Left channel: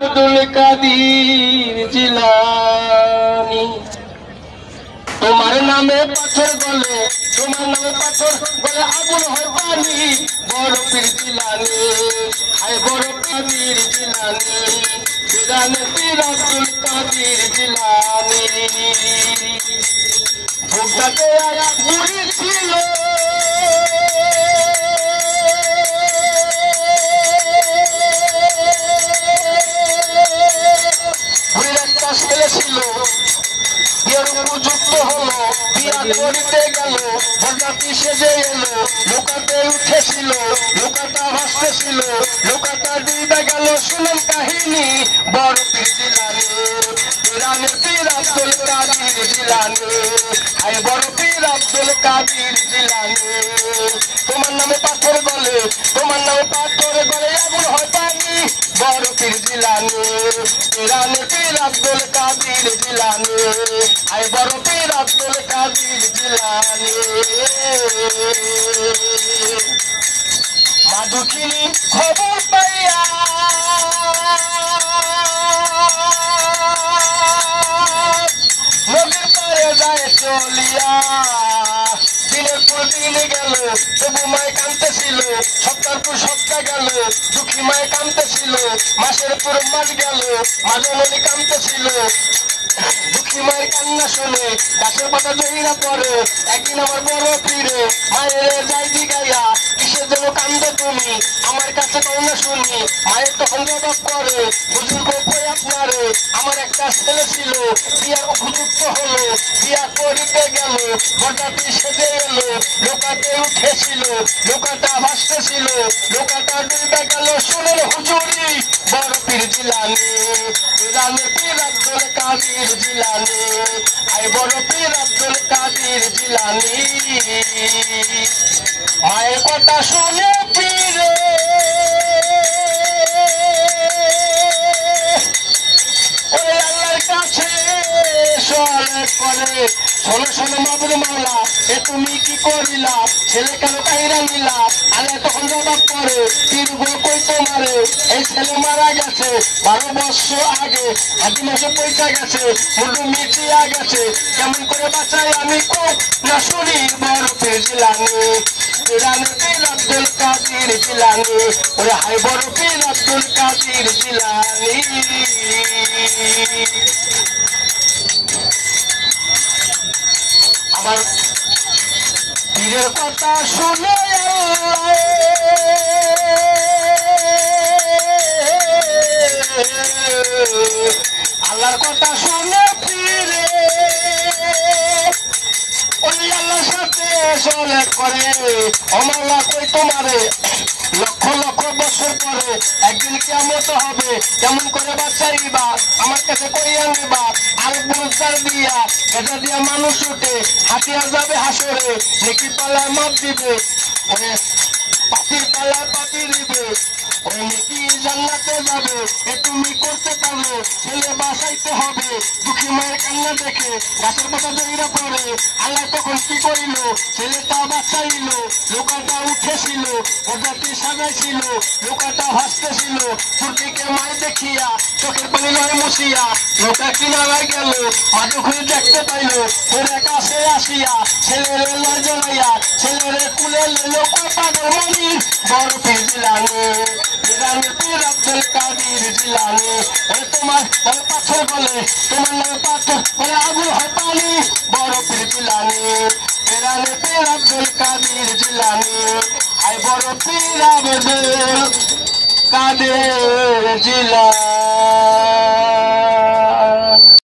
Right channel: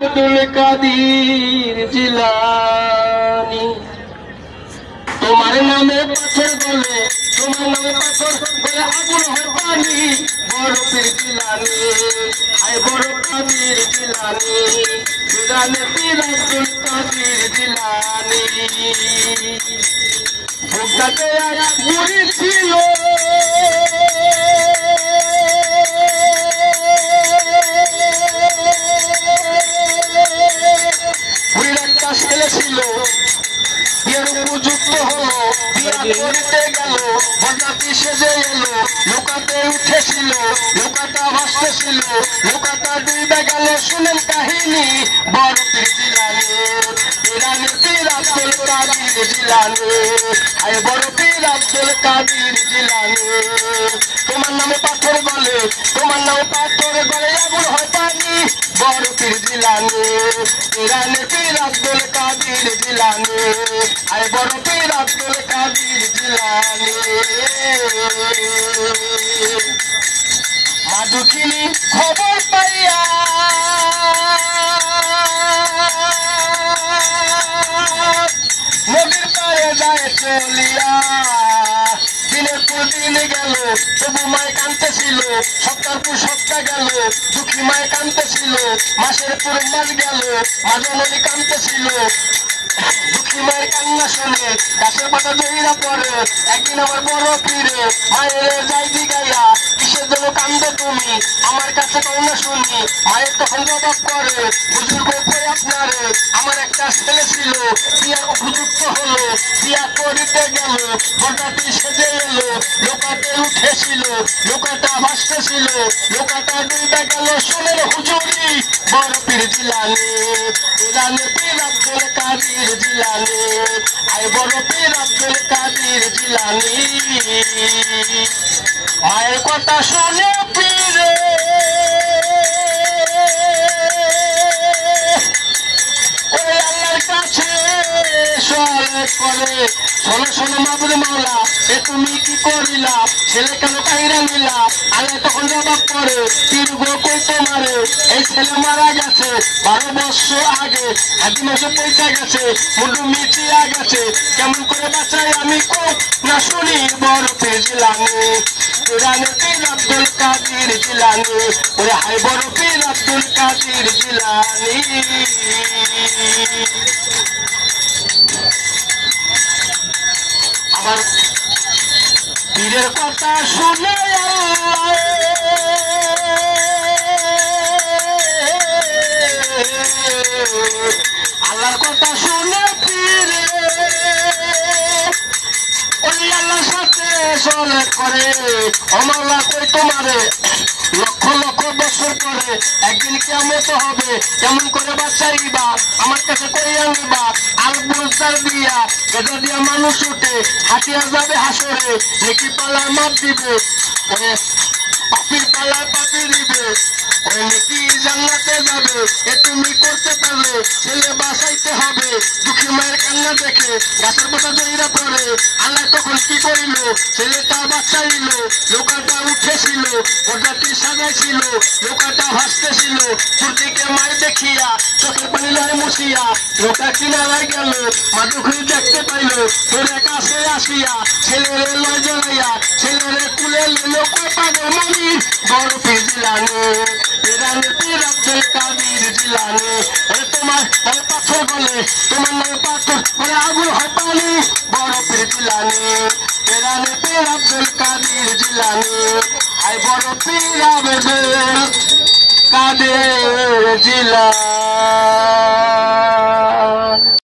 আব্দুল কাদির জিলানী তোমার নামে পাথর বলে তোমার নামে পাথর বলে আগুন হয় পানি বড় পীর জিলানী আয় বড় কাদির জিলানী জিলানী পীর আব্দুল কাদির জিলানী ভোগটাতে আয়া বুড়ি ছিল বুড়ির একটা ছেলে ছিল বিয়ের উপযুক্ত হলো বিয়া করিতে গেল বরযাত্রী সেজে এলো নৌকাতে উঠেছিল নৌকাটা ভাসতেছিল নৌকাটা ডুবে গেল শুনেন কাহিনী বড় পীর জিলানী ইরানের পীর আব্দুল কাদির জিলানী আয় বড় পীর আব্দুল কাদির জিলানী তোমার নামে পাথর বলে তোমার নামে পাথর বলে আগুন হয় পানি বড় পীর জিলানী ইরানের পীর আব্দুল কাদির জিলানী আয় বড় পীর আব্দুল কাদির জিলানী মা দুঃখিনী খবর পাইয়া নদীর পাড়ে যায় চলিয়া দিনের পর দিন গেল তবু মায় কাঁদতেছিল সপ্তাহ পর সপ্তাহ গেল দুঃখী মায় কাঁদতেছিল মাসের পর মাস গেল মাঝে নদী কাঁদতেছিল দুঃখী মায়ের কান্না শুনে গাছের পাতা জহিরা পড়ে একদিন আমার বড় পীরে মায়ের যাই দিগাইয়া কিসের জন্য কান্দে তুমি আমার কাছে কান্না শুনি মায়ের তখন জবাব করে বুজুর্গ কই আপনারে আমার একটা ছেলে ছিল বিয়ার উপযুক্ত হলো বিয়া করিতে গেল বরযাত্রী সেজে এলো নৌকাতে উঠেছিল নৌকাটা ভাসতেছিল নৌকাটা ডুবে গেল শুনেন হুজুরি বড় পীর জিলানী ইরানের পীর আব্দুল কাদির জিলানী আয় বড় পীর আব্দুল কাদির জিলানী মায়ের কথা শুনে পীরে ওই আল্লাহর কাছে সলে করে শোনো শোনো মাবুদ মাওলা এ তুমি কি করিলা ছেলে কেন কাহিরা নিলা আল্লাহ তখন জবাব করে পীর গো কই তোমারে এই ছেলে মারা গেছে 12 বছর আগে হাতি মাসে পয়সা গেছে মুন্ডু মিচিয়া গেছে কেমন করে বাঁচাই আমি কোন না শুনি বড় পীর জিলানী ইরানের পীর আব্দুল কাদির জিলানী ওরে হাই বড় পীর আব্দুল কাদির জিলানী আমার পীরের কথা শুনে আল্লাহর কথা শুনে পীরে ওই আল্লাহর সাথে চলে করে অমাল্লা কই তোমারে লক্ষ লক্ষ বছর পরে একদিন কেমন হবে কেমন করে বাঁচাইবা আমার কাছে কই আনবা আল বুঝার দিয়া গেজা দিয়া মানুষ উঠে হাতিয়া যাবে হাসরে নেকি পালার মাপ দিবে ওরে পাপির পালার পাপি দিবে ওরে নেকি জান্নাতে যাবে এ তুমি করতে পারলে ছেলে বাঁচাইতে হবে দুঃখী মায়ের কান্না দেখে গাছের পাতা জড়িয়ে পড়ে আল্লাহ তখন কি করিল ছেলেটা বাঁচাইল নৌকাটা উঠেছিল বরযাত্রী সাজাইছিল নৌকাটা ভাসতেছিল ফুর্তিকে মায় দেখিয়া চোখের পানি লড়ে মুছিয়া নৌকা কিনারায় গেল মাঝে খুঁজে দেখতে পাইল ওরে কাছে আসিয়া ছেলেরে লয় জড়াইয়া ছেলেরে কুলে লেলো কোপাদের মনি বড় পীর জিলানী ইরানের পীর আব্দুল কাদির জিলানী ওরে তোমার নামে পাথর বলে তোমার নামে পাথর বলে আগুন হয় পানি বড় পীর জিলানী ইরানের পীর আব্দুল কাদির জিলানী আয় বড় পীর আব্দুল কাদির জিলানী।